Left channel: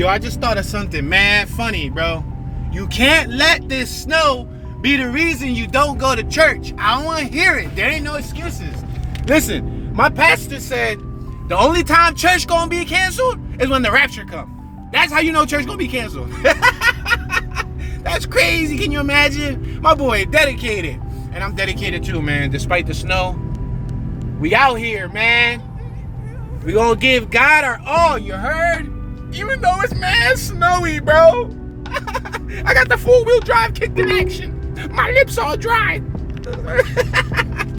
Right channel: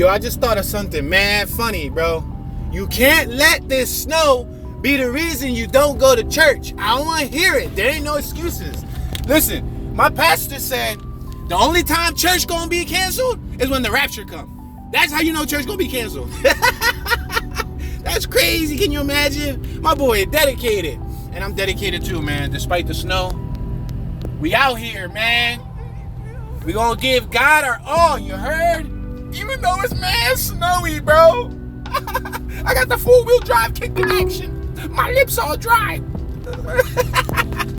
Yo, I just thought of something mad funny, bro. You can't let this snow be the reason you don't go to church. I don't want to hear it. There ain't no excuses. Listen, my pastor said the only time church gonna be canceled is when the rapture comes. That's how you know church gonna be canceled. That's crazy. Can you imagine? My boy dedicated. And I'm dedicated too, man. Despite the snow, we out here, man. We gonna give God our all, you heard? Even though it's mad snowy, bro. I got the 4-wheel drive kick in action. My lips all dry.